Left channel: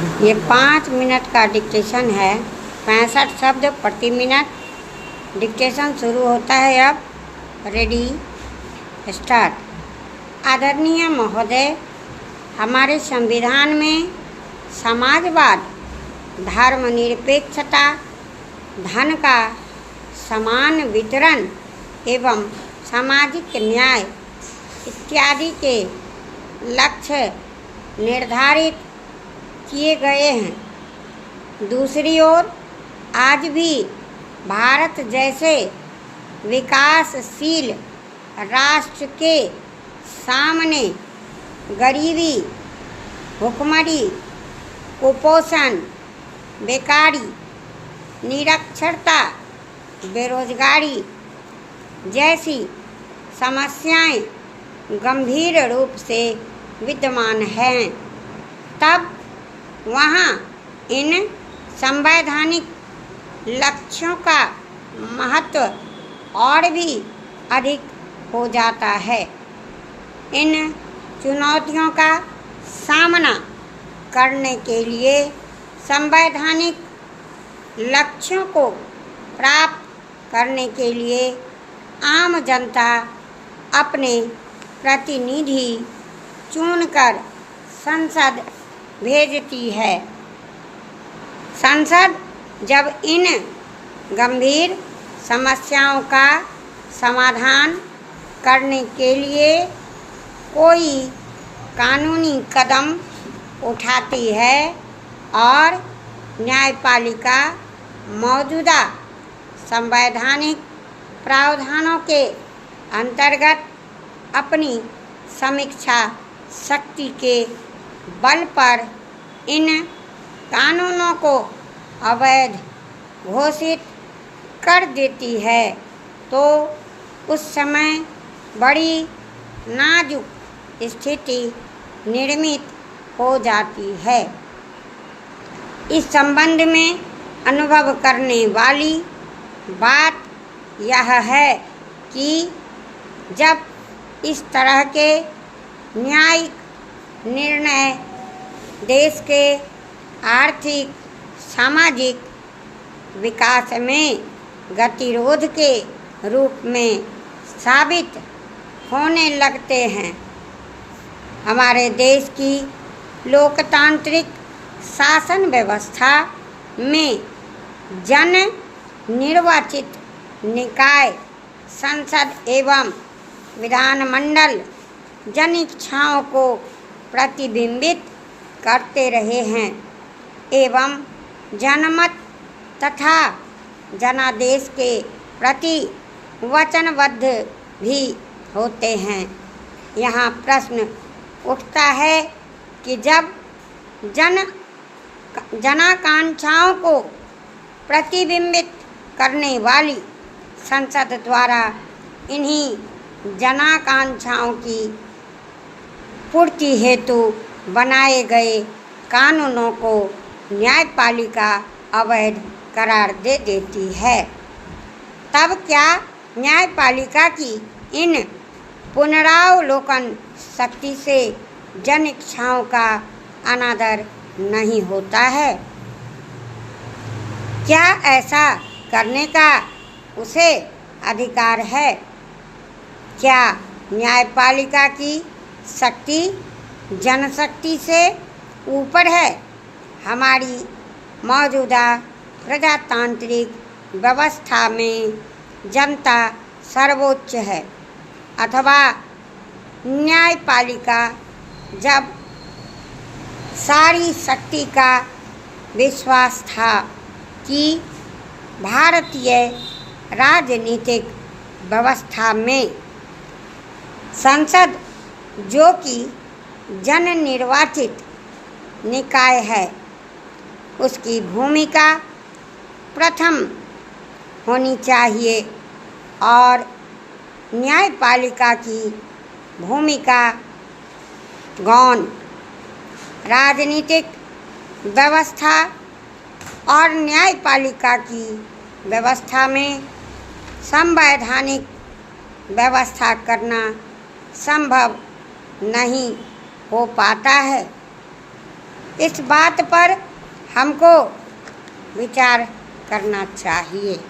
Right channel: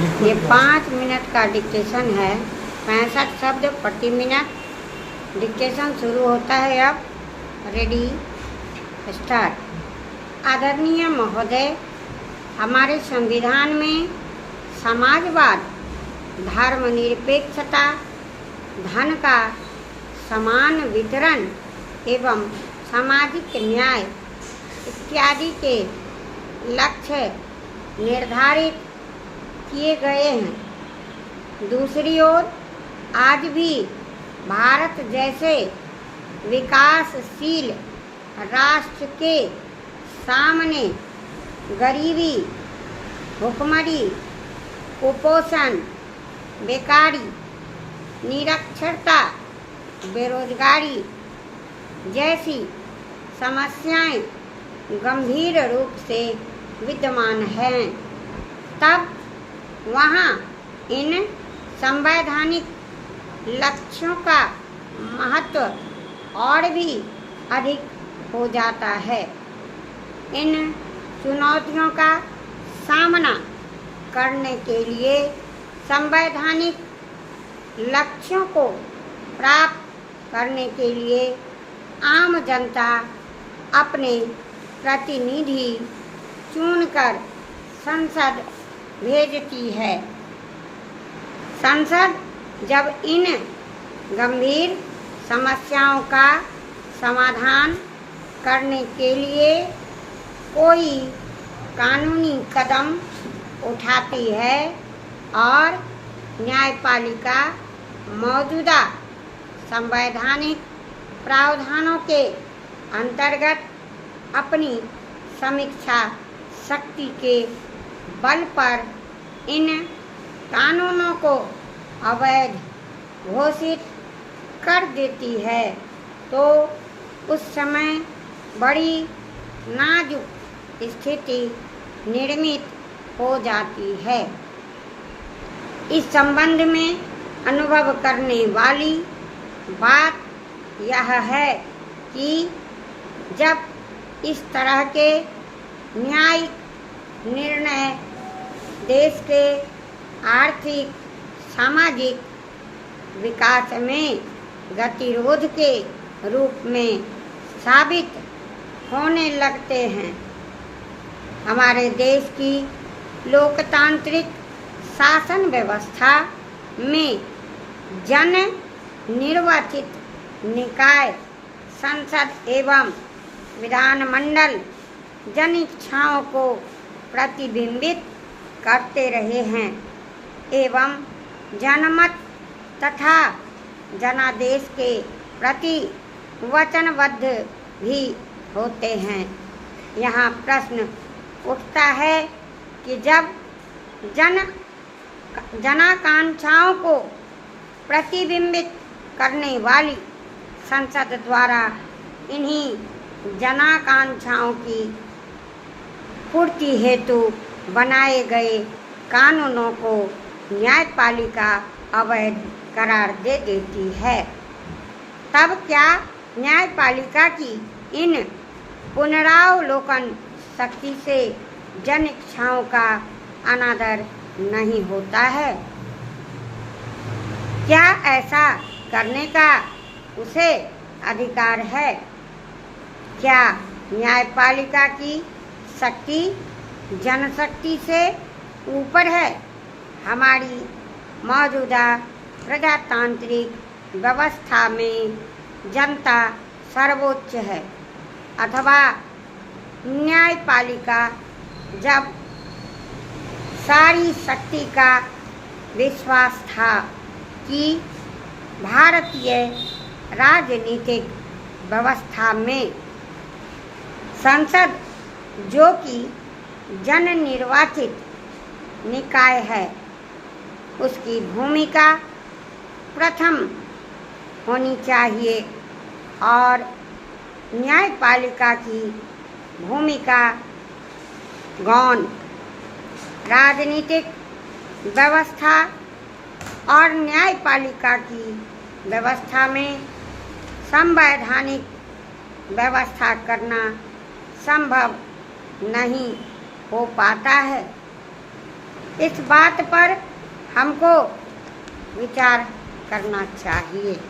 ये 5 मिनट का डिक्टेशन है। 65 शब्द प्रति मिनट। डिक्टेशन शुरू होता है अब। Ready, start. आदरणीय महोदय, हमारे संविधान में समाजवाद, धर्मनिरपेक्षता, धन का समान वितरण एवं सामाजिक न्याय इत्यादि के लक्ष्य निर्धारित किए गए हैं। दूसरी ओर आज भी भारत जैसे विकासशील राष्ट्र के सामने गरीबी, भुखमरी, कुपोषण, बेकारी, निरक्षरता, बेरोजगारी जैसी समस्याएं गंभीर रूप से विद्यमान हैं। तब वहाँ इन संवैधानिक लक्ष्यों का महत्व और भी अधिक हो जाता है। इन चुनौतियों का सामना करने के लिए संवैधानिक लक्ष्यों को प्राप्त करने के लिए आम जनता अपने प्रतिनिधि चुनकर संसद भेजती है। संसद जब इन गंभीर समस्याओं का समाधान करने के लिए कोई कानूनी कदम उठाती है और न्यायपालिका मौजूदा संवैधानिक प्रावधानों के अंतर्गत अपनी समीक्षा शक्ति के बल पर इन कानूनों को अवैध घोषित कर देती है, तो उस समय बड़ी नाजुक स्थिति निर्मित हो जाती है। इस संबंध में अनुभव करने वाली बात यह है कि जब इस तरह के न्यायिक निर्णय देश के आर्थिक सामाजिक विकास में गतिरोध के रूप में साबित होने लगते हैं, हमारे देश की लोकतांत्रिक शासन व्यवस्था में जन निर्वाचित निकाय संसद एवं विधानमंडल जन इच्छाओं को प्रतिबिंबित करते रहे हैं एवं जनमत तथा जनादेश के प्रति वचनबद्ध भी होते हैं। यहाँ प्रश्न उठता है कि जब जनाकांक्षाओं को प्रतिबिंबित करने वाली संसद द्वारा इन्हीं जनाकांक्षाओं की पूर्ति हेतु बनाए गए कानूनों को न्यायपालिका अवैध करार दे देती है, तब क्या न्यायपालिका की इन पुनरावलोकन शक्ति से जन इच्छाओं का अनादर नहीं होता है? क्या ऐसा करने का उसे अधिकार है? क्या न्यायपालिका की शक्ति जनशक्ति से ऊपर है? हमारी मौजूदा प्रजातांत्रिक व्यवस्था में जनता सर्वोच्च है, अथवा न्यायपालिका जब सारी शक्ति का विश्वास था कि भारतीय राजनीतिक व्यवस्था में संसद, जो कि जन निर्वाचित निकाय है, उसकी भूमिका प्रथम होनी चाहिए और न्यायपालिका की भूमिका गौण। राजनीतिक व्यवस्था और न्यायपालिका की व्यवस्था में संवैधानिक व्यवस्था करना संभव नहीं हो पाता है। इस बात पर हमको विचार करना चाहिए।